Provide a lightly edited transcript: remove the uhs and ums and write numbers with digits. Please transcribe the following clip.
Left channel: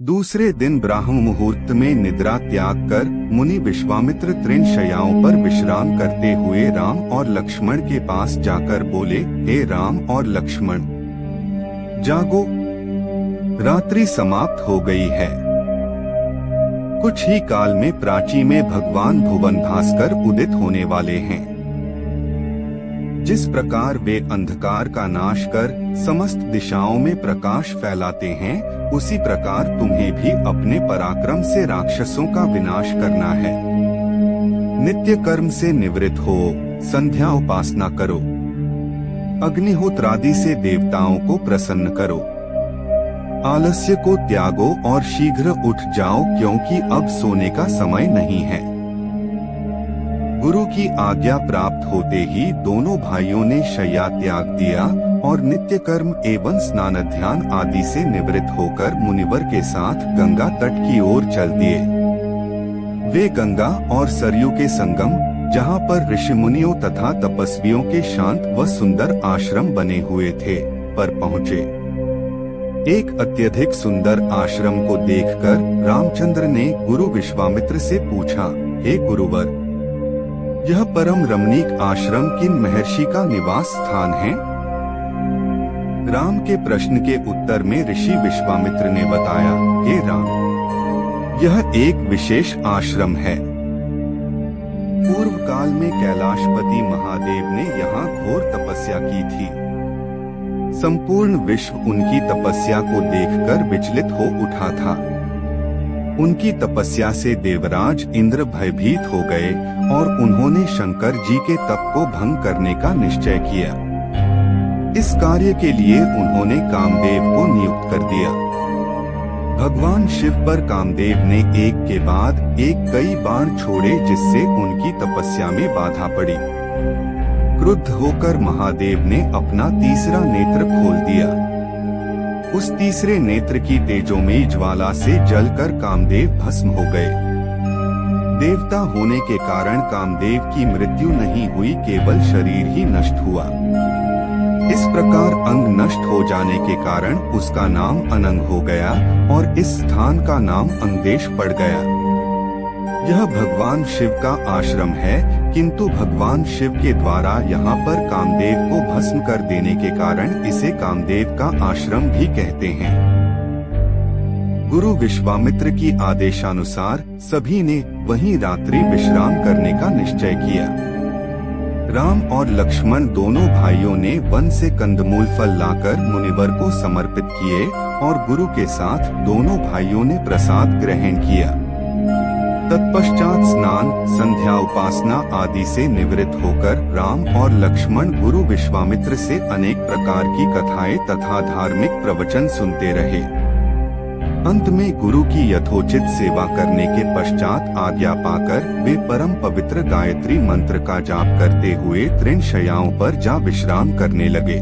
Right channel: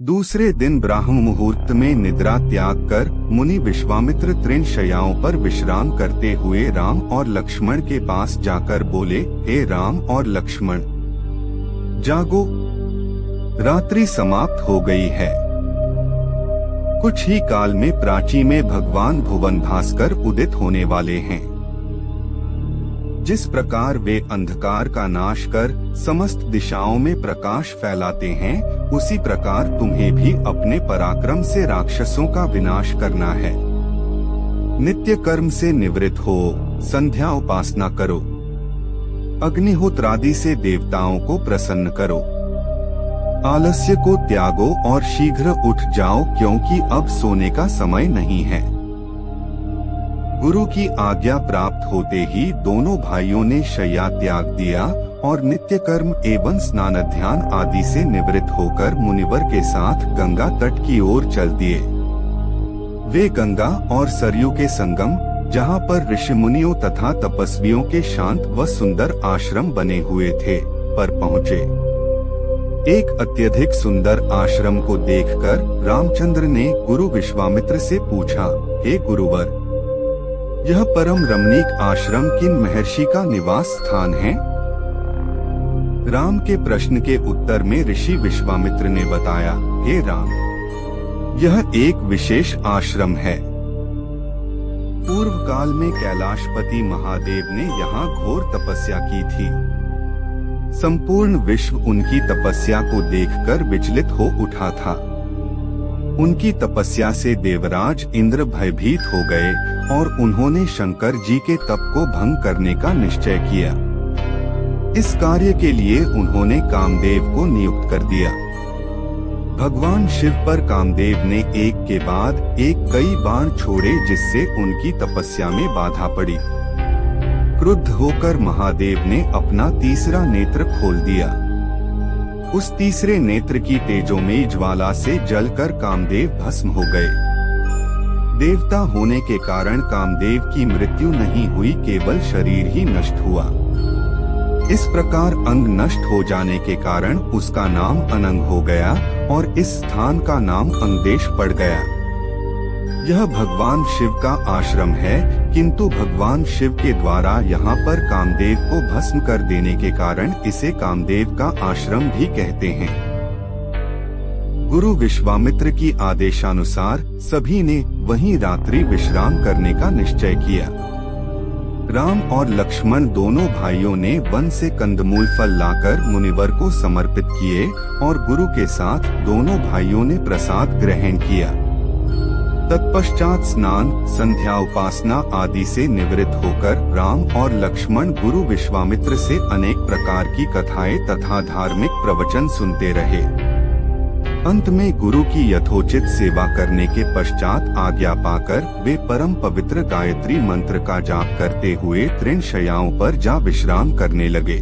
दूसरे दिन ब्राह्म मुहूर्त में निद्रा त्याग कर मुनि विश्वामित्र तृणशय्याओं पर विश्राम करते हुए राम और लक्ष्मण के पास जाकर बोले, हे राम और लक्ष्मण, जागो, रात्रि समाप्त हो गई है। कुछ ही काल में प्राची में भगवान भुवन भास्कर उदित होने वाले हैं। जिस प्रकार वे अंधकार का नाश कर समस्त दिशाओं में प्रकाश फैलाते हैं, उसी प्रकार तुम्हें भी अपने पराक्रम से राक्षसों का विनाश करना है। नित्य कर्म से निवृत्त हो, संध्या उपासना करो, अग्निहोत्रादि से देवताओं को प्रसन्न करो, आलस्य को त्यागो और शीघ्र उठ जाओ, क्योंकि अब सोने का समय नहीं है। गुरु की आज्ञा प्राप्त होते ही दोनों भाइयों ने शय्या त्याग दिया और नित्य कर्म एवं स्नान ध्यान आदि से निवृत्त होकर मुनिवर के साथ गंगा तट की ओर चल दिए। वे गंगा और सरयू के संगम, जहाँ पर ऋषि मुनियों तथा तपस्वियों के शांत व सुंदर आश्रम बने हुए थे, पर पहुँचे। एक अत्यधिक सुंदर आश्रम को देखकर रामचंद्र ने गुरु विश्वामित्र से पूछा, हे गुरुवर, यह परम रमणीक आश्रम किन महर्षि का निवास स्थान है? राम के प्रश्न के उत्तर में ऋषि विश्वामित्र ने बताया, हे राम, यह एक विशेष आश्रम है। पूर्व काल में कैलाशपति महादेव ने यहाँ घोर तपस्या की थी। संपूर्ण विश्व उनकी तपस्या को देखकर विचलित हो उठा था। उनकी तपस्या से देवराज इंद्र भयभीत हो गए और उन्होंने शंकर जी के तप को भंग करने का निश्चय किया। इस कार्य के लिए उन्होंने कामदेव को नियुक्त कर दिया। भगवान शिव पर कामदेव ने एक के बाद एक कई बाण छोड़े, जिससे उनकी तपस्या में बाधा पड़ी। क्रुद्ध होकर महादेव ने अपना तीसरा नेत्र खोल दिया। उस तीसरे नेत्र की तेजोमयी ज्वाला से जलकर कामदेव भस्म हो गए। देवता होने के कारण कामदेव की मृत्यु नहीं हुई, केवल शरीर ही नष्ट हुआ। इस प्रकार अंग नष्ट हो जाने के कारण उसका नाम अनंग हो गया और इस स्थान का नाम अंगदेश पड़ गया। यह भगवान शिव का आश्रम है, किंतु भगवान शिव के द्वारा यहाँ पर कामदेव को भस्म कर देने के कारण इसे कामदेव का आश्रम भी कहते हैं। गुरु विश्वामित्र की आदेशानुसार सभी ने वहीं रात्रि विश्राम करने का निश्चय किया। राम और लक्ष्मण दोनों भाइयों ने वन से कंदमूल फल लाकर मुनिवर को समर्पित किए और गुरु के साथ दोनों भाइयों ने प्रसाद ग्रहण किया। तत्पश्चात स्नान, संध्या उपासना आदि से निवृत्त होकर राम और लक्ष्मण गुरु विश्वामित्र से अनेक प्रकार की कथाएं तथा धार्मिक प्रवचन सुनते रहे। अंत में गुरु की यथोचित सेवा करने के पश्चात आज्ञा पाकर वे परम पवित्र गायत्री मंत्र का जाप करते हुए तृणशय्याओं पर जा विश्राम करने लगे।